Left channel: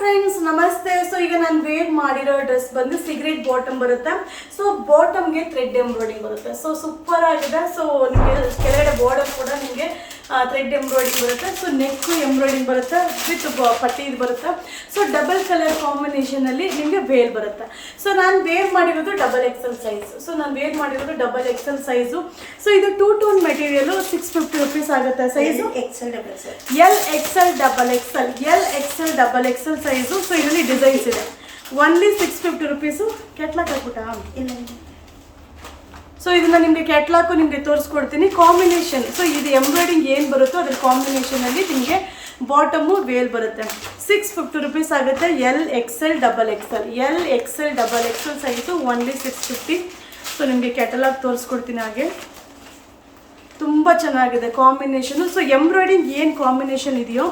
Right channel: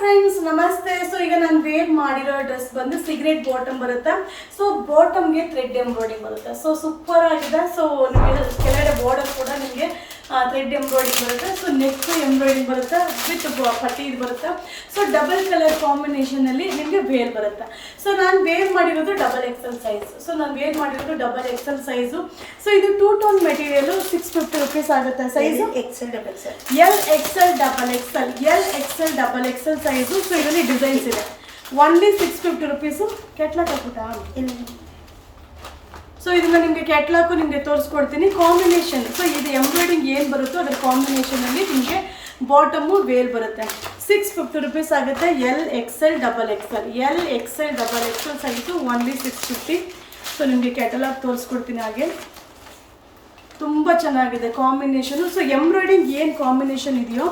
Friends ನಮಸ್ತೆ. So ಈಗ ನಾನು ವೇರ್ ಮಾಡಿರೋ ಡ್ರೆಸ್ ಬಂದು ಸಿಗರೇಟ್ ಬಾಟಮ್ ಬರುತ್ತೆ. ಸೊ ಬಾಟಮ್ಗೆ ಥ್ರೆಡ್ ಎಂಬ್ರಾಯ್ಡಿಂಗ್ ಬರುತ್ತೆ. ಸೊ ಸೂಪರ್ ಆಗಿದೆ. ಸೊ ನಿಮಗೆ ಕೆಳಗಡೆ ಬಾರ್ಡರ್ ಕೂಡ ನಿಮಗೆ ಥ್ರೆಡ್ ಎಂಬ್ರಾಯ್ಡಿಂಗ್ ಬರುತ್ತೆ. ಸೊ ನೆಕ್ ಎಂಬ್ರಾಯ್ಡಿಂಗ್ ಬರುತ್ತೆ ವಿತ್ ಪಟ್ಟಿ ಇದು ಬರುತ್ತೆ. ಸೊ ಡಬಲ್ ಕಲರ್ ಕಾಂಬಿನೇಷನಲ್ಲಿ ನಿಮಗೆ ವೇರ್ ಬರುತ್ತೆ. ಸೊ ನಾನು ವೇರ್ ಮಾಡಿರೋದು ಡಬಲ್ ಎಕ್ಸೆಲ್ ಸೈಜ್. ಸೊ ನಾನು ವೇರ್ ಮಾಡಿರೋದು ಡಬಲ್ ಎಕ್ಸೆಲ್ ಸೈಜು. ಸೊ ಇದು 2 ಟೋನ್ ಮೆಟೀರಿಯಲ್ 650 rupees ಆಗುತ್ತೆ. Size Excel double XL, L XL double XL, L XL double XL size. So ಇದರಲ್ಲಿ designs ಇದೆ. Only 650 rupees. ಕ್ಯಾಟ್ಲಾಗ್ ಹಾಕ್ಬಿಟ್ಟಾ? ಇಲ್ಲ. So ಇದನ್ನ ನಿಮಗೆ catalogue ನಿಮಗೆ ತೋರಿಸ್ಕೊಡ್ತೀನಿ. ಕಾಂಬಿನೇಷನ್, ಸೊ ಇದು ಎಂಬ್ರಾಯ್ಡಿಂಗ್ ಏನು ಬರುತ್ತೋ ಅದ್ರ ಕಾಂಬಿನೇಷನಲ್ಲಿ ನಿಮಗೆ ಬಾಟಮು ವೇಲ್ ಬರುತ್ತೆ. 650 rupees ಆಗುತ್ತೆ. L XL double XL, L XL double XL size only 650. So ನಿಮಗೆ ಕ್ಯಾಟಲಾಗ್ ತೋರಿಸ್ಕೊಡ್ತೀನಿ. ಹಾಗೆ ತುಂಬ ಚೆನ್ನಾಗಿದೆ ಕಾಂಬಿನೇಷನು. ಸೊ ಎಂಬ್ರಾಯ್ಡಿಂಗ್ ಏನು ಕಾಂಬಿನೇಷನ್ ಇದೆಯೋ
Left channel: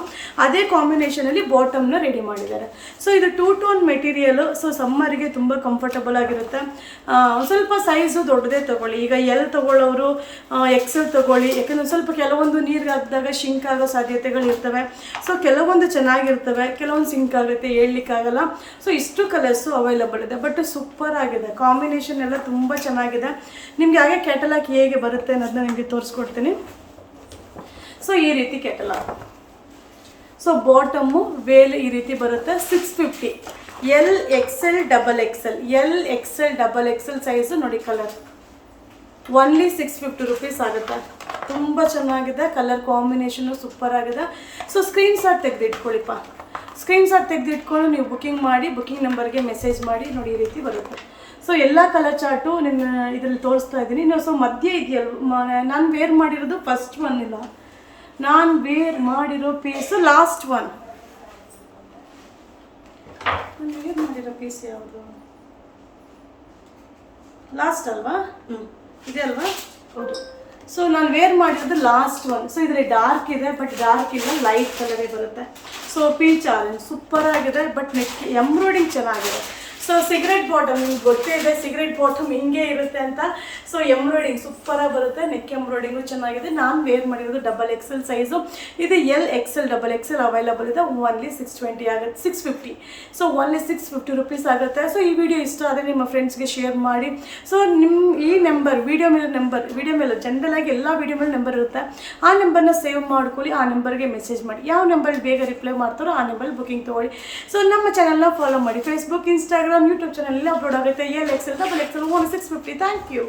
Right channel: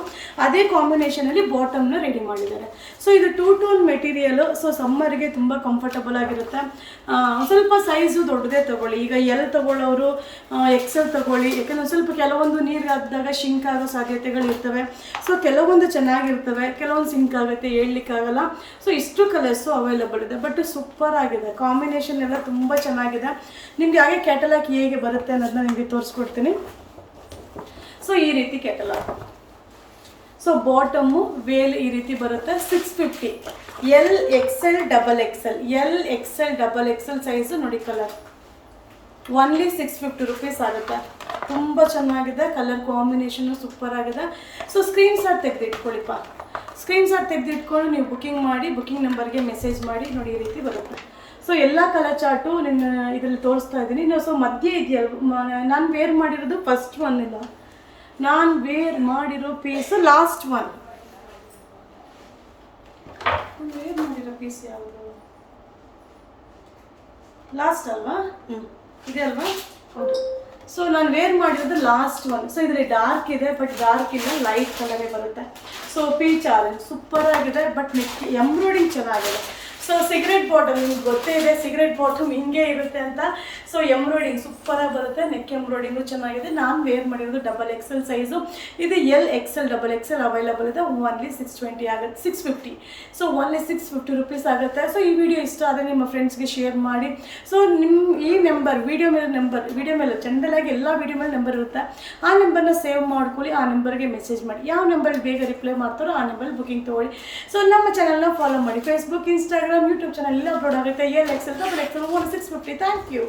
ಅದೇ ಕಾಂಬಿನೇಷನಲ್ಲಿ ಬಾಟಮ್ನ ರೆಡಿ ಮಾಡಿದ್ದಾರೆ. ಸೊ ಇದು 2 ಟೋನ್ ಮೆಟೀರಿಯಲು. ಸೊ ಸಮ್ಮರಿಗೆ ತುಂಬ ಕಂಫರ್ಟಬಲ್ ಆಗಿರುತ್ತೆ. ಸ್ವಲ್ಪ ಸೈಜು ದೊಡ್ಡದೇ ತೊಗೊಳ್ಳಿ. ಈಗ ಎಲ್ ತೊಗೊಳ್ಳೋರು ಎಕ್ಸೆಲ್ ತೊಗೊಳ್ಳಿ. ಯಾಕಂದರೆ ಸ್ವಲ್ಪ ಕೆಲವೊಂದು ನೀರಿಗೆ ಹಾಕಿದಾಗ ಶಿಂಕ್ ಆಗೋ ಸಾಧ್ಯತೆಗಳು ಇರ್ತವೆ. ಸೊ ಕೆಲವೊಂದು ಚೆನ್ನಾಗಿರ್ತವೆ, ಕೆಲವೊಂದು ಸಿಂಕ್ ಆಗುತ್ತೆ, ಹೇಳಲಿಕ್ಕಾಗಲ್ಲ. ಸೊ ಇಷ್ಟು ಕಲರ್ಸು ಅವೈಲಬಲ್ ಇದೆ. ಬಟ್ ಸೂಪರ್ ಆಗಿದೆ. ಕಾಂಬಿನೇಷನ್ ಎಲ್ಲ ತುಂಬ ಚೆನ್ನಾಗಿದೆ. ನಿಮಗೆ ಹಾಗೆ ಕ್ಯಾಟಲಾಗ್ ಹೇಗೆ ಬರುತ್ತೆ ಅನ್ನೋದನ್ನ ನಿಮಗೆ ತೋರಿಸ್ಕೊಡ್ತೀನಿ. ಸೊ ಈ ರೀತಿ ಕ್ಯಾಟಲಾಗ್. ಸೊ ಬಾಟಮು ವೇಲ್ ಈ ರೀತಿ ಬರುತ್ತೆ. 650. L XL double XL, L XL double XL size ನೋಡಿ. ಕಲರ್ ಓನ್ಲಿ 650 rupees ಆಗುತ್ತೆ. ತುಂಬ ಚೆನ್ನಾಗಿದೆ. ಕಲರ್ ಕಾಂಬಿನೇಷನ್ನು ಸೂಪರ್ ಆಗಿದೆ. ಸೊ ಸ್ಕ್ರೀನ್ ಶಾಟ್ ತೆಗೆದಿಟ್ಕೊಳ್ಳಿಪ್ಪ. ಸ್ಕ್ರೀನ್ ಶಾಟ್ ತೆಗೆದಿಟ್ಕೊಂಡು ನೀವು ಬುಕ್ಕಿಂಗ್ ಮಾಡಿ, ಬುಕ್ಕಿಂಗ್ ನಂಬರ್ಗೆ ಮೆಸೇಜ್ ಮಾಡಿ. ನೋಡಿ ಈ ರೀತಿ ಬರುತ್ತೆ. ಸೊ ಎಲ್ಲ ಕಲರ್ ಚಾರ್ಟು ನಿಮ್ಮ ಇದರಲ್ಲಿ ತೋರಿಸ್ತಾ ಇದ್ದೀನಿ. ನೀವು ಸೊ ಮಧ್ಯೆ ಇದೆಯಲ್ಲ, ನಾನು ವೇರ್ ಮಾಡಿರೋದು ಫಸ್ಟ್ ಒನ್ ಇಲ್ಲ, ನಾನು ವೇರ್ ಮಾಡಿರೋ ಪೀಸು ಲಾಸ್ಟ್ ಒನ್. ನಾನು ವೇರ್ ಮಾಡಿರೋ ಪೀಸ್ ಯಾವುದು? ಲಾಸ್ಟ್ ಅಲ್ವಾ? ಇದೆ ಅಲ್ವಾ? ಹೌದು. ಸೊ ನಾನು ವೇರ್ ಮಾಡಿರೋದು ಲಾಸ್ಟ್ ಒನ್. ಸೊ ಇದರಲ್ಲಿ ಡಾರ್ಕ್ ಇದೆ, ಬಟ್ ಡಾರ್ಕ್ ಇಲ್ಲ, ಲೈಟ್ ಕಲರೇ ಬರುತ್ತೆ. ಸೊ ಪೀಚ್ ಆರೆಂಜ್ ಸೂಪರ್ ಆಗಿದೆ. ಬಟ್ ನೆಕ್ ಎಂಬ್ರಾಯ್ಡಿಂಗ್ ಚೆನ್ನಾಗಿದೆ. ಸೊ ಸಿಗರೇಟ್ ಬಾಟಮ್ ನಿಮ್ಗೆ ಗೊತ್ತೇ ಇದೆ, ಸಿಗರೇಟ್ ಬಾಟಮ್ ಹಿಂಗೆ ಇರುತ್ತೆ ಅಂತ. ಸೊ ಎಂಬ್ರಾಯ್ಡಿಂಗ್ ಸೂಪರಾಗಿ ಬರುತ್ತೆ. ನೆಕ್ ಎಂಬ್ರಾಯ್ಡಿಂಗು ಚೆನ್ನಾಗಿದೆ. ನಾನು ವೇರ್ ಮಾಡಿರೋದು ಡಬಲ್ ಎಕ್ಸೆಲ್ ಸೈಜು. ಇದು L XL double Excel available ಇದೆ. ಓನ್ಲಿ 620 ಆಗುತ್ತೆ, 650. ಸೊ ಓನ್ಲಿ 650 rupees ಆಗುತ್ತೆ. ಸೊ ಈ ವಿಡಿಯೋ ಇಷ್ಟ ಆದರೆ ನಿಮ್ಮ ಫ್ರೆಂಡ್ಸ್ಗೆ ಶೇರ್ ಮಾಡಿ. ಸೊ ನಿಮ್ಮ ಈ ನಂಬರ್ ವಿಡಿಯೋ ಮೇಲೆ ಜನರಲಾಗಿ ಎಲ್ಲ ವಿಡಿಯೋ ಮೇಲೆ ನಂಬರ್ ಇರುತ್ತೆ. ಆ ನಂಬರ್ನ ಸೇವ್ ಮಾಡ್ಕೊಳ್ಳಿ. ಆ ನಂಬರ್ಗೆ ಮೆಸೇಜ್ ಮಾಡಿ. ಯಾವ ನಂಬರ್ ಬೇಗ ರಿಪ್ಲೈ ಮಾಡ್ತಾರೋ ಆ ನಂಬರ್ ಬುಕಿಂಗ್ ತೊಗೊಳ್ಳಿ. ಸೊ ನಮ್ಮ ಚಾನಲ್ನ ಫಾಲೋ ಮಾಡಿ. ಫೇಸ್ಬುಕ್, ಇನ್ಸ್ಟಾಗ್ರಾಮ್, ಯೂಟ್ಯೂಬ್ ಚಾನಲ್ ಎಲ್ಲ ಅಪ್ಲೋಡ್ ಆಗುತ್ತೆ. L XL double XL only 650. Thank you.